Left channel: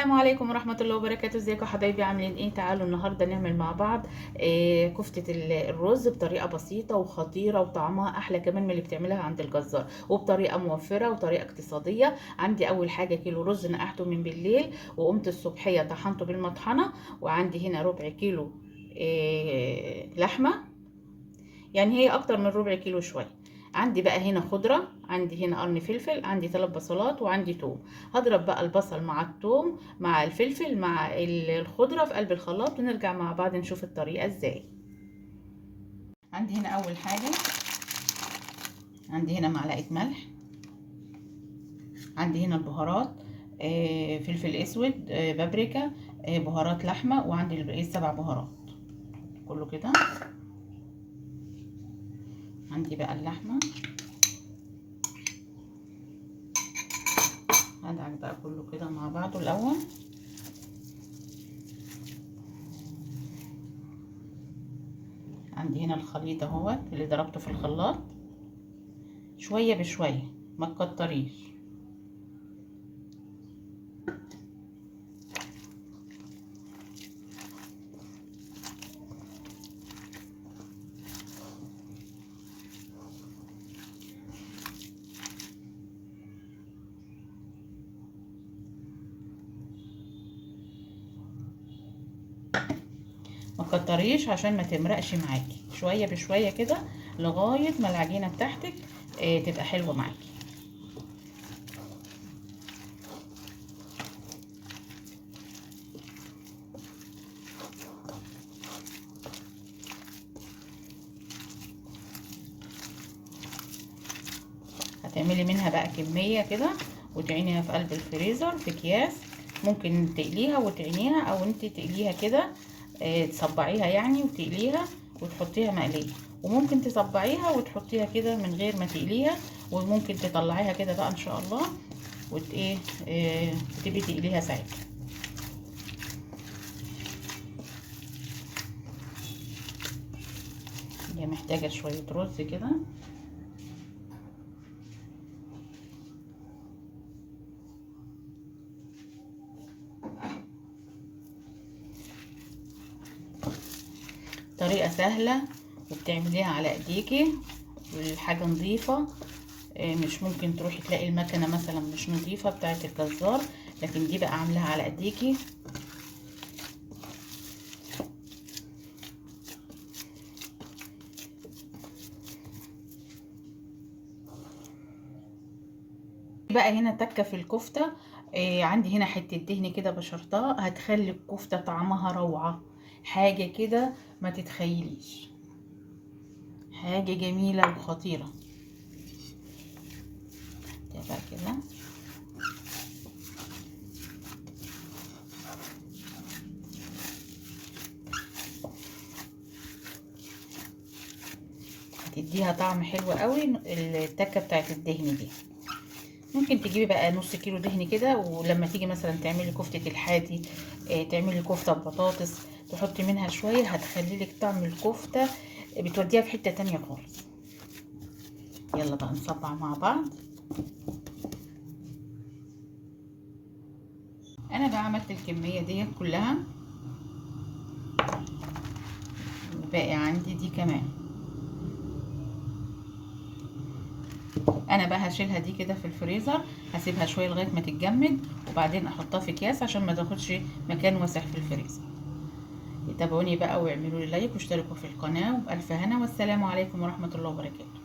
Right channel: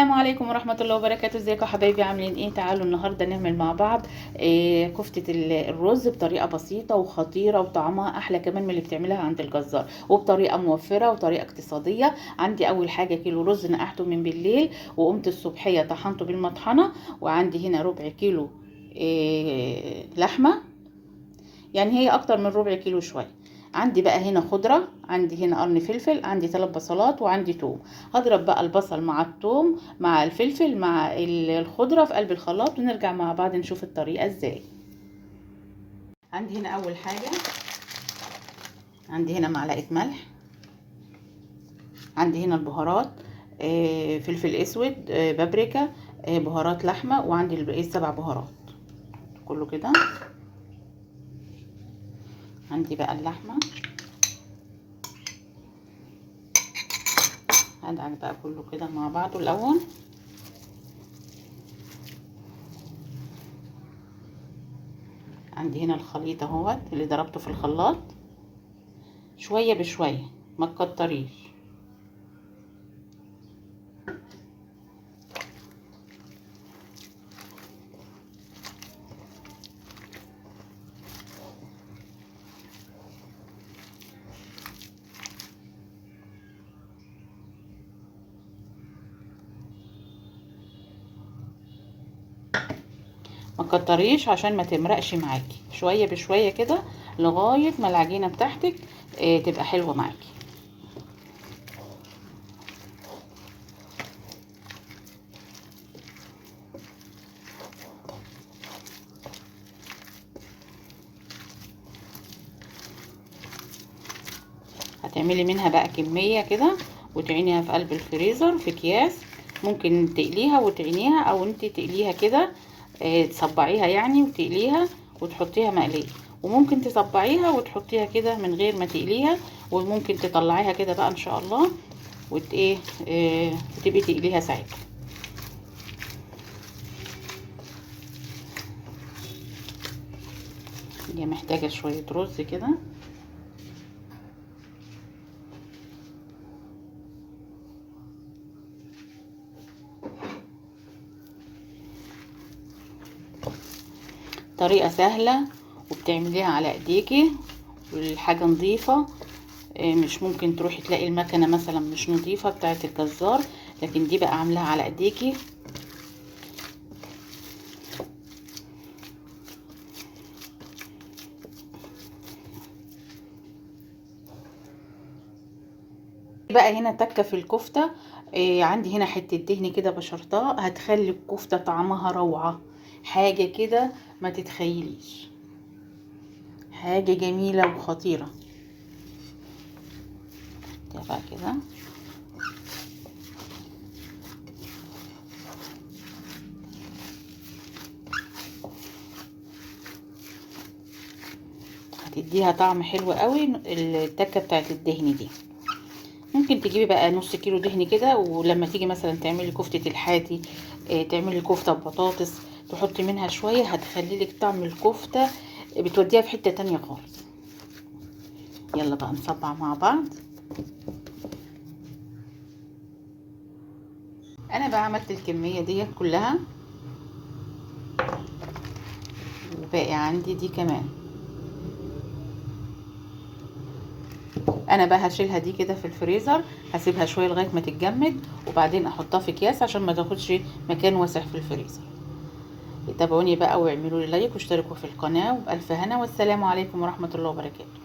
السلام عليكم ورحمة الله وبركاته. ازيكم يا حبايبي؟ عاملين ايه؟ تعالوا النهاردة نعمل مع بعض كفتة الرز بطريقة بسيطة وخطيرة وطعمها احلى كمان من اللي بتعملها عند الجزار، وبطريقة موفرة وطريقة اقتصادية. عندي اول حاجة كيلو رز نقعته من بالليل، وقمت الصبحية طحنته بالمطحنة. وعندي هنا ربع كيلو لحمة، يعني هي اكتر من ربع كيلو شوية. عندي بقى هنا خضرة، عندي هنا قرن فلفل، عندي 3 بصلات، وعندي توم. هضرب بقى البصل مع التوم مع الفلفل مع الخضرة في قلب الخلاط، ونرجع مع بعض نشوف الطريقة ازاي. عندي هنا اول حاجة، عندي هنا معلقة ملح، عندي هنا البهارات، فلفل اسود، بابريكا، بهارات لحمة، وعندي الباقي 7 بهارات كله كده. عندي بقى اللحمة، هدعك بقى كله كده مع بعضه الاول. عندي هنا الخليط اهوت اللي ضربته في الخلاط شويه بشويه، ما تكتريش. ما تكتريش عشان ما تمرقش معاكي، شويه بشويه كده لغايه ما العجينه بتاعتك تبقى حلوه معاكي. هتعملي منها بقى كميه كده وتعينيها في قلب الفريزر في اكياس. ممكن تقليها وتعينيها، او انت تقليها كده تصبعيها يعني وتقليها وتحطيها مقليه، وممكن تصبعيها وتحطيها كده من غير ما تقليها. وممكن تطلعيها كده بقى ان شاء الله وت ايه وتبقي تقليها ساعتها. هي محتاجه شويه رز كده. طريقه سهله وبتعمليها على ايديكي، والحاجه نظيفه. مش ممكن تروحي تلاقي المكنه مثلا مش نظيفه بتاعه الجزار، لكن دي بقى عاملاها على ايديكي. بقى هنا تكه في الكفته. عندي هنا حته دهن كده بشرتها، هتخلي الكفته طعمها روعه، حاجه كده ما تتخيليش، حاجه جميله وخطيره. ده بقى كده هتديها طعم حلو قوي التكه بتاعت الدهن دي. ممكن تجيبي بقى نص كيلو دهن كده، ولما تيجي مثلا تعملي كفتة الحاتي، تعملي كفتة ببطاطس، تحطي منها شوية، هتخلي لك طعم الكفتة بتوديها في حتة تانية خالص. يلا بقى نصبع مع بعض. انا بقى عملت الكمية دي كلها، وباقي عندي دي كمان. انا بقى هشيلها دي كده في الفريزر، هسيبها شوية لغاية ما تتجمد، وبعدين احطها في اكياس عشان ما تاخدش مكان واسع في الفريزر. تابعوني بقى واعملوا لي لايك واشتركوا في القناة، وبألف هنا، والسلام عليكم ورحمة الله وبركاته.